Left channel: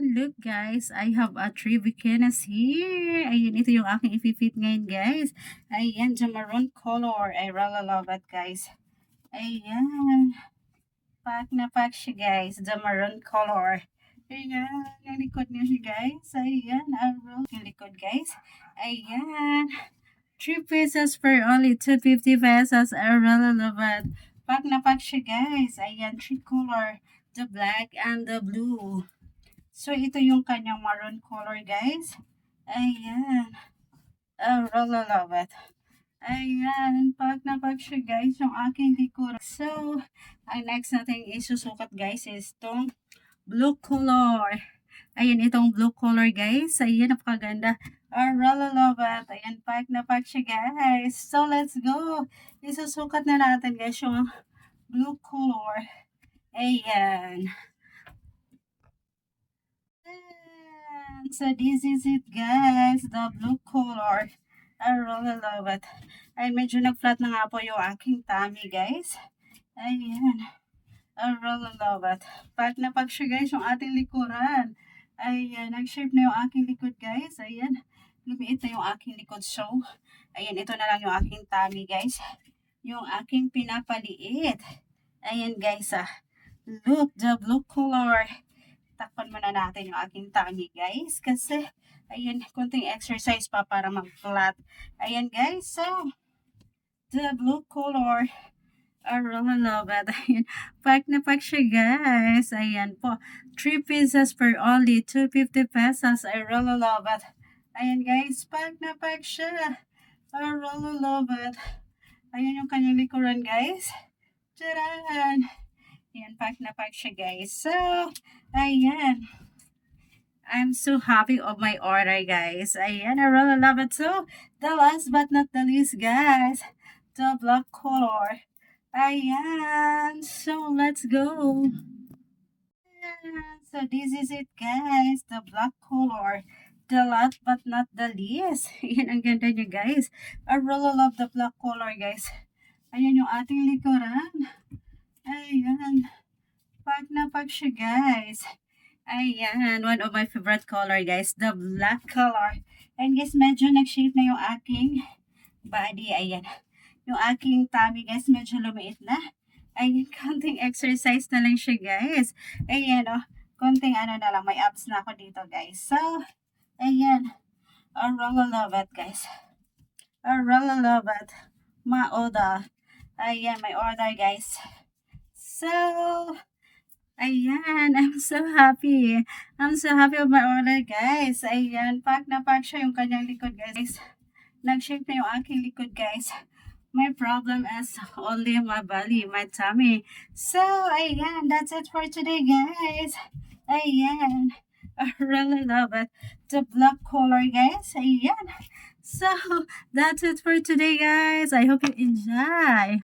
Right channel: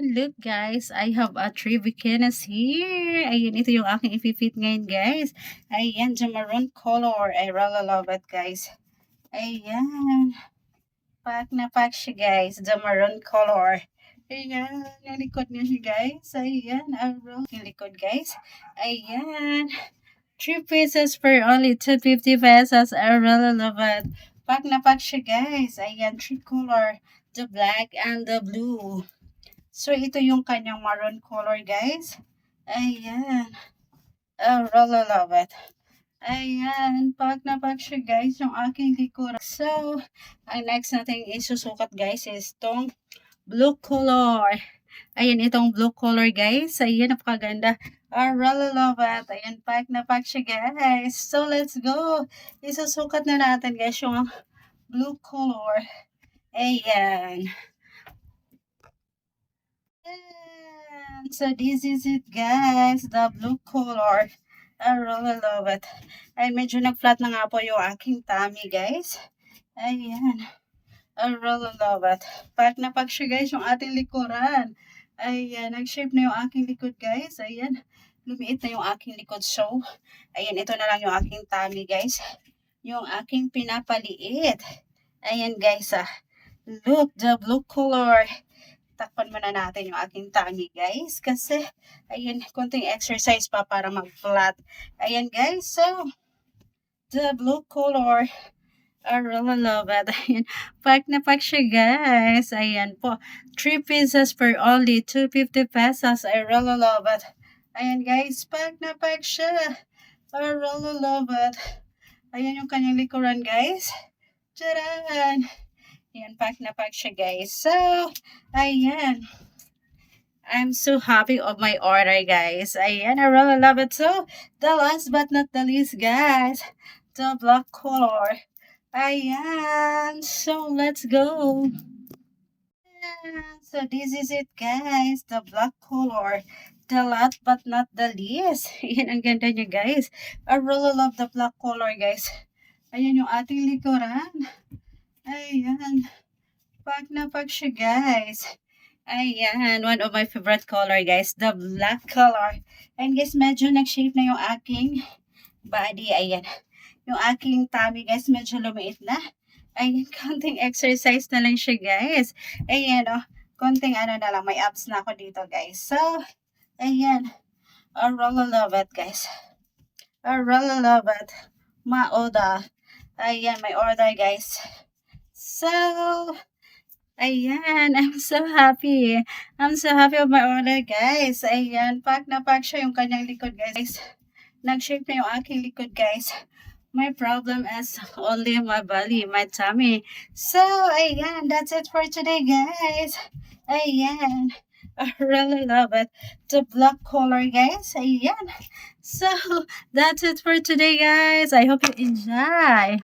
Look guys, I have a three bikinis here. Ayan, ito yung aking ipipit ngayon guys. Ayan, the maroon color. I really love it guys. Ayan, pack na pack siya guys. The maroon color. Ayan, yung likod niya siya guys. Ayan, yung likod guys. Ayan, 3 pieces for only 250 pesos. I really love it. Pack na pack siya guys. Ayan, three color. The black and the blue. So, ito yung kanyang maroon color, guys. Ayan. I really love it. Ayan. Pag na pag siya, guys, yung aking likuran. So, ang next natin isusukat, guys, is itong blue color. Ayan, itong blue color, guys. Ayan, napakaganda. I really love it. Ayan, pack na pack siya, guys. So, let's go. Isusukat na natin, guys, yung blue color. Ayan. And so this is it guys, the blue color. I really love it. Ay medyo nag-flat na nga po yung aking tummy guys. Ayan. I really love it. Pack na pack siya guys yung ating likuran. Ayan, nag-shape na yung aking likod guys. Ayan, lumiit na yung aking likod. So, ayan, ito na lang yung aking tummy guys. Yung aking pinapaliit. Ayan guys look, the blue color. Takpan muna natin yung aking tummy guys kasi ayun konting exercise pa para mag-flat. Ayan guys, so the blue color, I really love it. Ayan, pack na pack siya guys. Ayan po, 3 pieces for only 250 pesos. I really love it. Ayan guys, pack na pack siya. I really love it. Ayan yung kanyang likuran guys. Tcharan! Ayan, pack na pack siya guys. So, ayan. I'm so happy of my order, guys. Ayan, I really love it. So, the last but not the least, guys, the black color. Ayan, so let's go. Ayan, so this is it, guys, the black color. The last but not the least. Ayan, ang ganda niya, guys. I really love the black color, guys. Ayan yung ating likuran. Ayan, pack na pack siya, guys. Ayan, one of my favorite color guys, the black color. And guys, medyo nag-shape na yung aking body. Ayan, yung aking tummy guys, medyo lumiit na. Ayan, konting exercise na lang siya guys. Ayan konting ano na lang, may abs na ako dito guys. So, ayan, I really love it guys. I really love it. My order. Ayan, my order guys. So, ayan, I'm so happy. I'm so happy of my order, guys. Ayan, pack na pack siya yung kanyang likod, guys. Nag-shape na yung aking likod, guys. My problem is only my belly, my tummy. So, ayan, that's it for today, guys. Ayan, I really love it. The black color, guys. Ayan. So, that's it for today, guys. I hope you enjoy.